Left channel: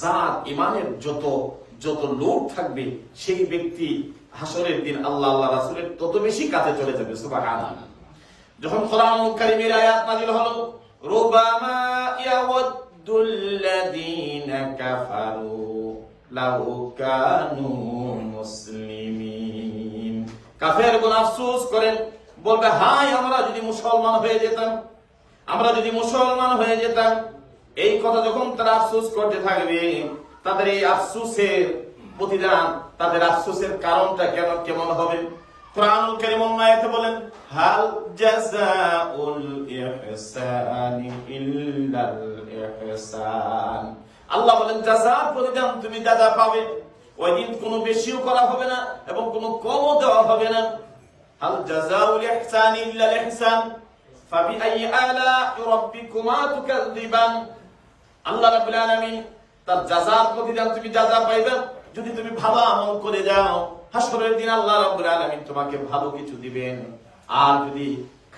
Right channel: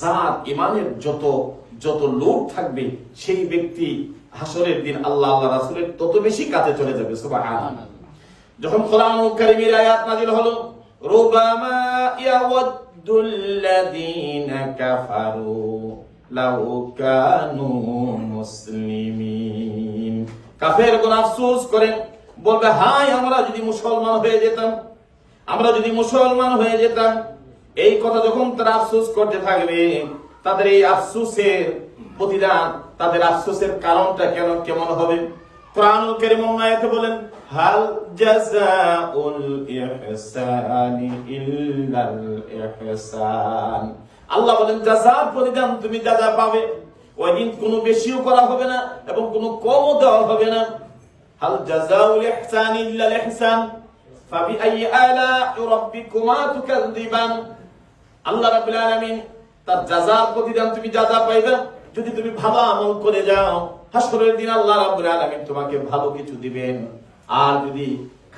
জাত, ইমানের যত যত লোক থাকবে, সেই ব্যক্তি হাসরের দিন আল্লাহ আল্লাহ রাসূলের তত বেশি কাছে চলে যাবে, সুবহানাল্লাহ। যখন কোরআন কারীমের আয়াত নাযিল হলো রুবামা ইয়াওয়াদ্দুল্লাযীনা কাফারু লাউ কানু মুসলিমিন। কাফের কোন আফসোস করেন, বলবে হাই আমরা যদি মুসলমান হয়ে যেতাম, আমরা যদি মুসলমান হয়ে যেতাম এই কথা যখন তারা আফসোস করতে থাকবে, তাদের এই আফসোসের প্রতিদান, তাদের আফসোসের কারণটা কেন, কেমন হবে? কোরআনুল কারীম আয়াতে বলেন, হাল জাযাউল ইহসানি ইল্লাল ইহসান। আল্লাহ বলেন জাযা প্রতিদান তুমি যা যা পাবে ওই দিন কোনো বেশিও করা হবে না এবং কোনো কমও দেওয়া হবে না। হাল জাযাউল ইহসানি ইল্লাল ইহসান ফাবিআই আলা'i রাব্বিকুমা তুকাযযিবান। আল্লাহ রাব্বুল আলামিন তার জাযার প্রতিদান তুমি যা যা পাইবে, যদি তুমি ভাবা আমল করে যাও, হাসরের দিন আল্লাহ রাব্বুল আলামিন তোমাকে ভালো কিছু দিবেন। আর যদি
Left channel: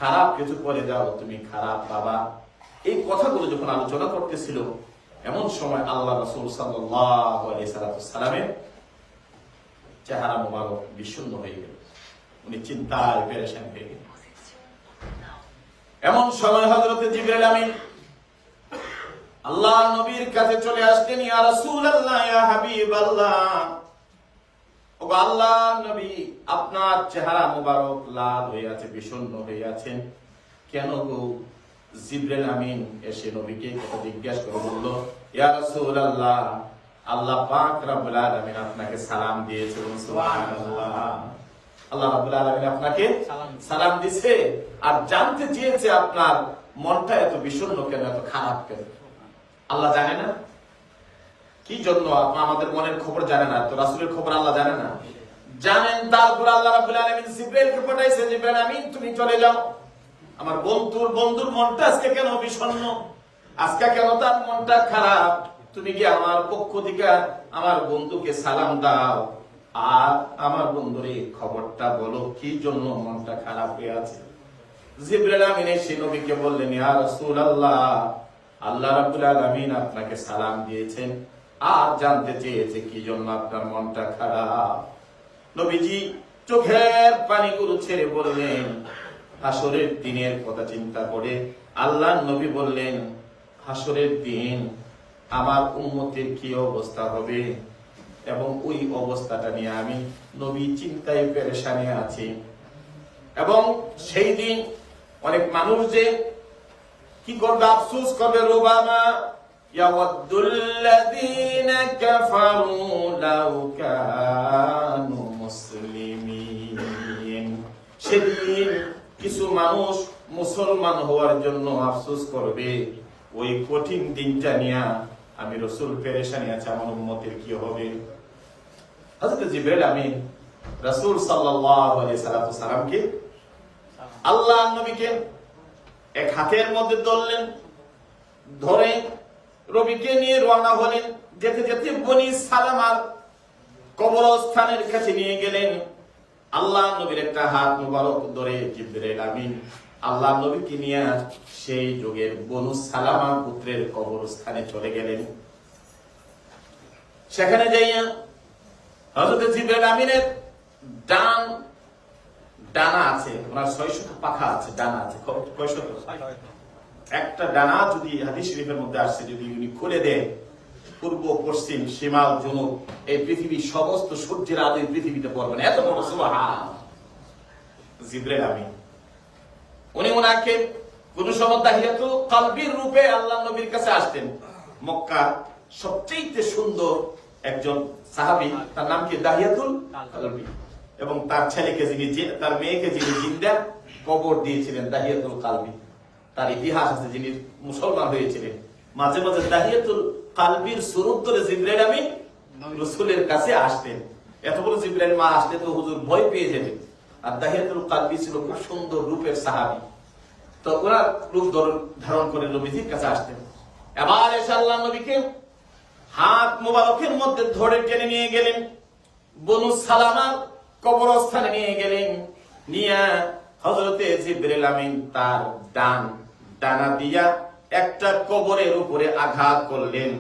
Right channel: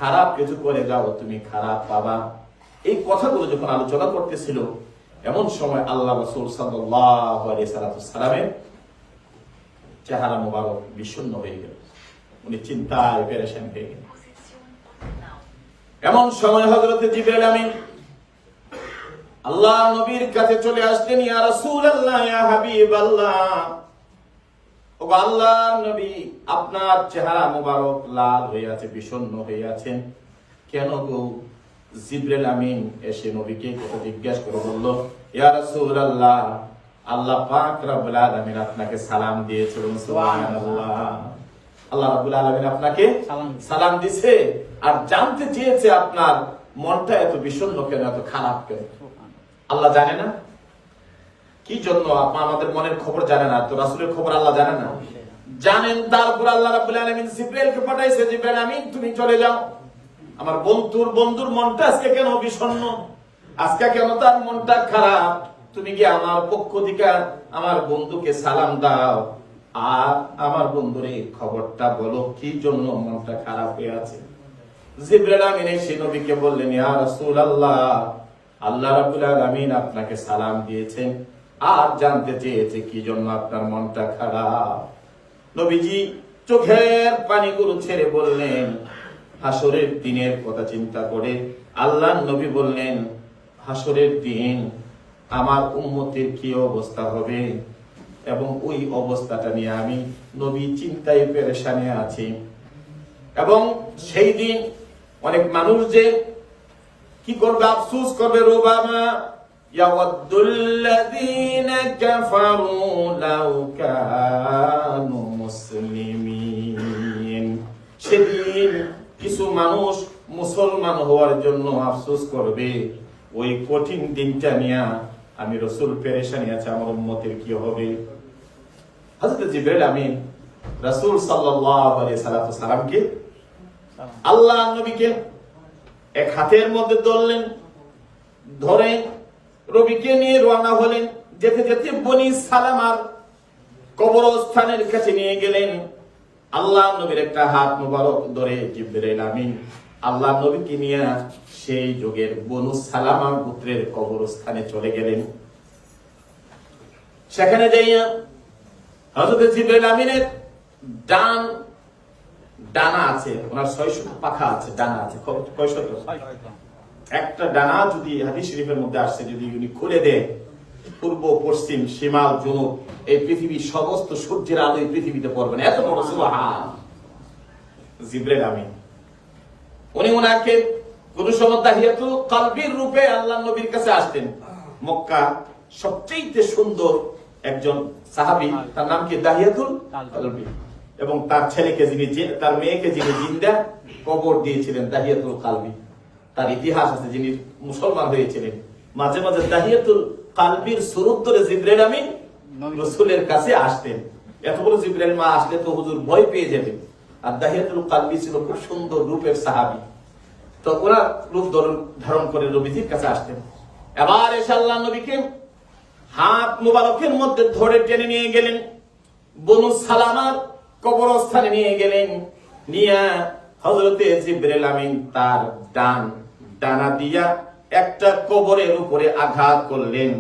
খারাপ কিছু করে যাও, তুমি খারাপ পাবা। এই কথাগুলো যখন আলোচনা করতেছিল, এমন সময় আল্লাহ রাসূল সাল্লামের চেহারা মোবারক বিষণ্ণ হয়ে গেল। উনি চিন্তায় পেরেশান হয়ে গেলেন। এমন সময় হজরতে জিব্রাইল আমিন আল্লাহ নবীর কাছে চলে আসলেন ইয়া রাসূলুল্লাহ ইয়া হাবিবাল্লাহ। ও আল্লাহ নবী আপনার চেহারা মোবারক লাল হয়ে আছে বিষণ্ণ হয়ে আছেন। কেন গো? জিব্রাইল আমিন এসে নবীকে কথা জিজ্ঞাসা করে বলল ইয়া রাসূলুল্লাহ আল্লাহ পাক রব্বুল আলামিন আপনাকে সালাম দিয়েছে বলুন সুবহানাল্লাহ। আল্লাহ রাব্বুল আলামিন আপনাকে সালাম দিছে আর জানতে চেয়েছে আপনার মনটা এত বিষণ্ণ কেন এত খারাপ কেন? আল্লাহ জানে না? কি জন্য আপনি আমাদের মনের খবর জানে না? তো রাসূলের খবর আল্লাহ জানে না। জানেন তারপর আল্লাহ রাব্বুল আলামিন জিব্রাইলকে পাঠাইছে, জিব্রাইল আমিন, তুমি চলে যাও। আমার বন্ধুর বন্ধুর মনটা আজকে কেন বিষণ্ণ? আজকে কেন তার মনটা খারাপ? তুমি কি আমার পক্ষ থেকে আমার বন্ধুকে সালাম দাও? আর আমার বন্ধুরে খবরটা বলো, কি জন্য মনটা খারাপ হয়ে আছে? জিব্রাইল আমিন এসে নবীকে বললেন, ইয়া রাসূলুল্লাহ আল্লাহ রাব্বুল আলামিন আপনাকে সালাম দিয়েছেন। আর জানতে চেয়েছে কি জন্য আপনার মনটা খারাপ? নবীজি চোখের পানিগুলো ছেড়ে বললেন, হাসরের দিনের কথা চিন্তা করে আল্লাহ নবী বললেন, হাসরের দিন আমার উম্মতের কি অবস্থা হবে? এবং ওই অবস্থাটা নিয়ে আমি নবী চিন্তায় পেরেশানে আছি। এবং সেই দিন অনেক মানুষ যে কি করবে আফসুস করবে রোবামা يود الذين كفروا لو كانوا مسلمين সেদিন কিছু মানুষ মুসলমান হওয়ার জন্য আফসোস করবে ওই কঠিন দিনটা নিয়ে আমি রসুল পেরেশানি আছে আমার উম্মতের কি হবে হযরত জিবরাইল আমিন রাসূল সাল্লাল্লাহু আলাইহি সাল্লাতু সালামকে আল্লাহ নবীকে এক হাতের মধ্যে ধরলেন ধরে রবিকে নিয়ে রওনা হলেন। যেতে যেতে বনি সালামার কবরস্থানের কাছে নিয়ে গেলেন। আল্লাহ নবীর একটা হাত মুবারক ধরে জিব্রাইল আমিন, আল্লাহ নবীকে নিয়ে সেই যুগের বনু সালামা পুত্রের কবরস্থানে চলে গেলেন। সেখানে যাইয়া হযরত জিব্রাইল আমিনের ডান ডানা আছে, ওনার ছয়শত পাখা আছে, ডানা আছে, ক- কয়শত একটা ডানা যদি হাদিস শরীফের মধ্যে আসছে, যদি উনি খুলে দেয়, পূর্ব, পশ্চিম সীমাল জনুব এই পৃথিবীর সমস্ত সূর্যের আলো এই পৃথিবীতে পড়বে না। এত বড়, সুবহান। জিব্রাইল আমিন। উনি ওনাকে কোন সময় দাহিয়াতুল কালবির রূপে আল্লাহ নবীর কাছে আসতেন। মক্কা সবচেয়ে সুন্দর একজন সাহাবী, তার নাম কি? দাহিয়াতুল কালবি। এবং তার ছেলেকে যিনি তার মেয়েকে যিনি জিন্দা কবর দিয়েছিলেন দাহিয়াতুল কালবি। তার ইতিহাস আছে, যিনি মুসলমান হয়েছিলেন। মাঝে মাঝে দাহিয়াতুল কালবির সুরত ধরে জিব্রাইল আমিন রসুলের কাছে আসতেন। এত বড় জিব্রাইল মা আসলে তো হুজুর ভয় পেয়ে যেতেন। আর দাহিয়াতুল কালবি ছিল খুব সুন্দর রূপের সাহাবি। তো ওরা রূপ ধারণ ধারণ করে নবীজির কাছে আসতেন। এবার এসে আল্লাহ নবীকে হাত মোবারকের মধ্যে ধরে টেনে নিয়ে গেলেন। বনু সালামার কবরস্থানে নিয়ে গেলেন। নিয়ে হজরতে জিব্রাইল আমিন তার ডান ডানা দিয়া একটা কবরের উপরে আঘাত করলেন।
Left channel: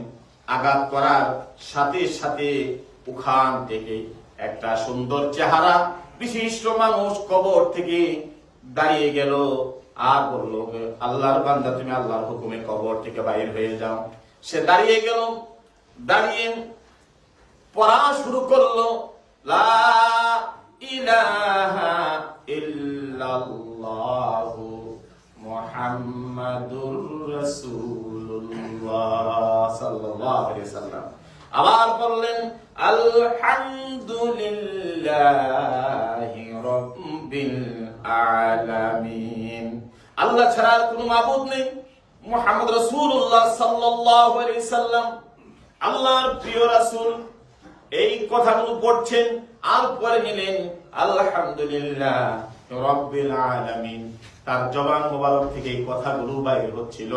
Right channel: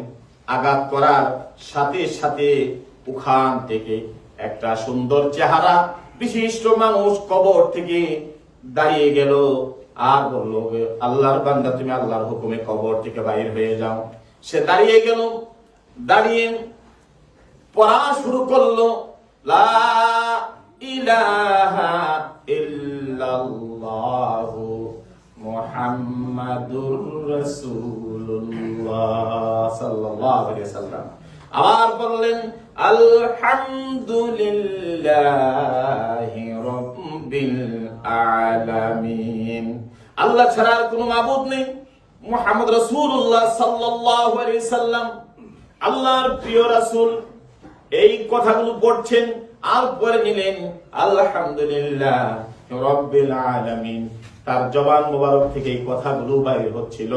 আঘাত করার সাথে সাথে ওখান থেকে একটা সুন্দর চেহারা বিশিষ্ট মানুষ কবর থেকে দাঁড়িয়ে গেল আর বলল, আল্লাহর বান্দা, তুমি আল্লাহর হুকুমে কবর থেকে বাইর হয়ে যাও। সে দাঁড়িয়ে গেল, দাঁড়িয়ে পড়া শুরু করল। লা ইলাহা ইল্লাল্লাহু মুহাম্মাদুর রাসূলুল্লাহ সাল্লাল্লাহু আলাইহি সাল্লাম আবার বললেন, আলহামদুলিল্লাহি রাব্বিল আলামিন। আল্লাহ ছাড়া আর কোনো মাবুদ নেই। মুহাম্মদ রাসূলুল্লাহ সাল্লাল্লাহু আলাইহি সাল্লাম আল্লাহর প্রিয় রাসূল। এই কথাগুলো পড়ছেন আর নিলেন, আলহামদুলিল্লাহ, রব্বিল আলামিন। তার জবান মুবারক থেকে এই কথাগুলো বাইর হচ্ছিল।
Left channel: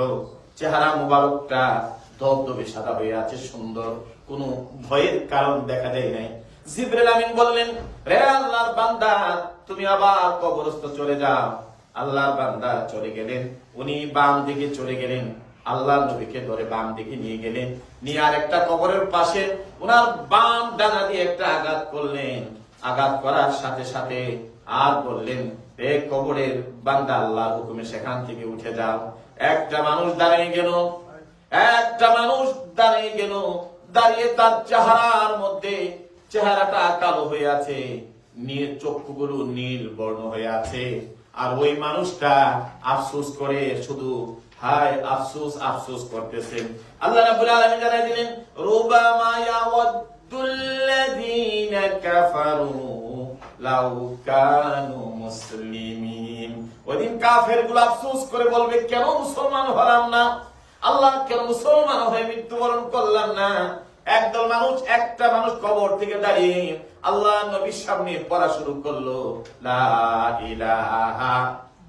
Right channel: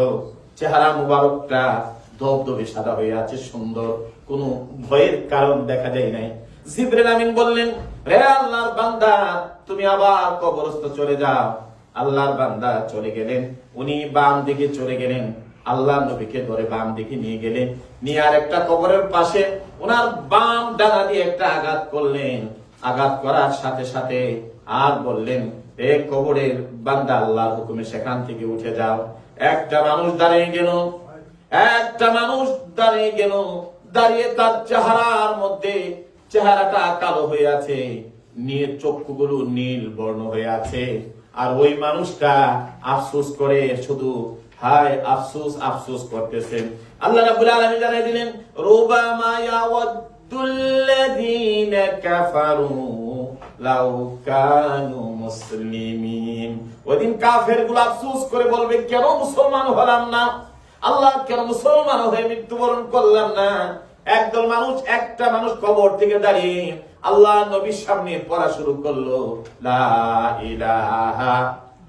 চেহারা মুবারকটা দবদবে সাদা হয়ে আছে, সুন্দর। কোনো ভয়ের কারণ দেখা যায় নাই। জিবরিল আমিন বললেন, রে আল্লাহর বান্দা, তুমি আবার কবরস্থ চলে যাও। আল্লাহর বান্দা চলে গেলেন। উনি বাম দিকে চলে গেলেন। আল্লাহ নবীকে ধরে বাম দিকে নিয়ে গেলেন। নিয়ে আর একটা কবরের পাশে ওনার বাম ডানা দিয়ে একটা আঘাত করলেন। আঘাত করার সাথে সাথে আর বললেন, এ কবরের বান্দা, আল্লাহর হুকুমে সেখান থেকে উঠে যাও। একটা মানুষ দাঁড়িয়ে গেল। একটা মানুষ দাঁড়িয়ে গেল। দাঁড়িয়ে তার চেহারার মধ্যে চেহারাটা কালো হয়ে আছে নীল চক্ষুগুলো নীল বর্ণ হয়ে আছে। আর ওই মানুষটা আফসোস করে শুধু হায় আফসোস আফসোস আল্লাহ রাব্বুল আলামিন জানাই দিলেন, রুবামা কাফারু লাউ কানু মুসলিমিন। কাফেরগুলো আফসোস করে বলবে, কেন মুসলমান হলাম না? আল্লাহ, কেন মুসলমান হয়ে মৃত্যুবরণ করলাম না? একদল মানুষ, একটা মানুষ কবর থেকে দাঁড়িয়ে আল্লাহ নবীর সামনে পড়া শুরু করল, লা ইলাহা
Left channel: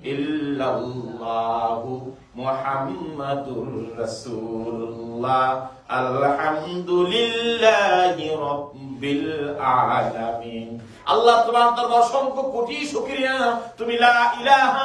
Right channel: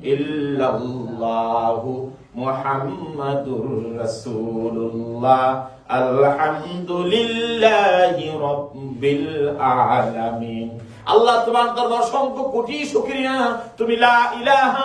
ইল্লাল্লাহু মুহাম্মাদুর রাসূলুল্লাহ। আলহামদুলিল্লাহি রাব্বিল আলামিন। আল্লাহ তোমার দরবার অসংখ্য কোটি শুকরিয়া। তুমি লা ইলাহা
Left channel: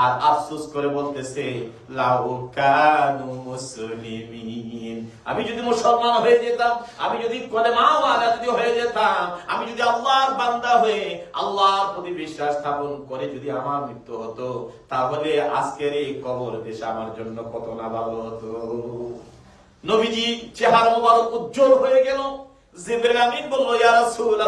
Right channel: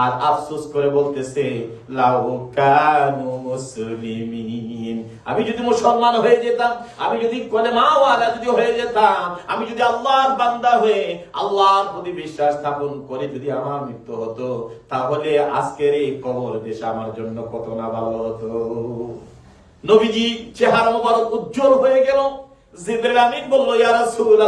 আর আফসোস করে বলতেছে আমি যদি মুসলমান হয়ে যেতাম, আমি যদি কলেমাওয়ালা যদি হয়ে যেতাম, আমি যদি আল্লাহর বান্দা হয়ে আল্লাহর প্রতি বিশ্বাস স্থাপন করে যদি আমার মৃত্যু হতো, তাহলে আজকের এই কবর দেশ আমার জন্য কত না ভালো হতো। নবীজি চেহারা মোবারক উজ্জ্বল হয়ে গেল। জিবরিল আমিন বলল, ইয়া রাসূল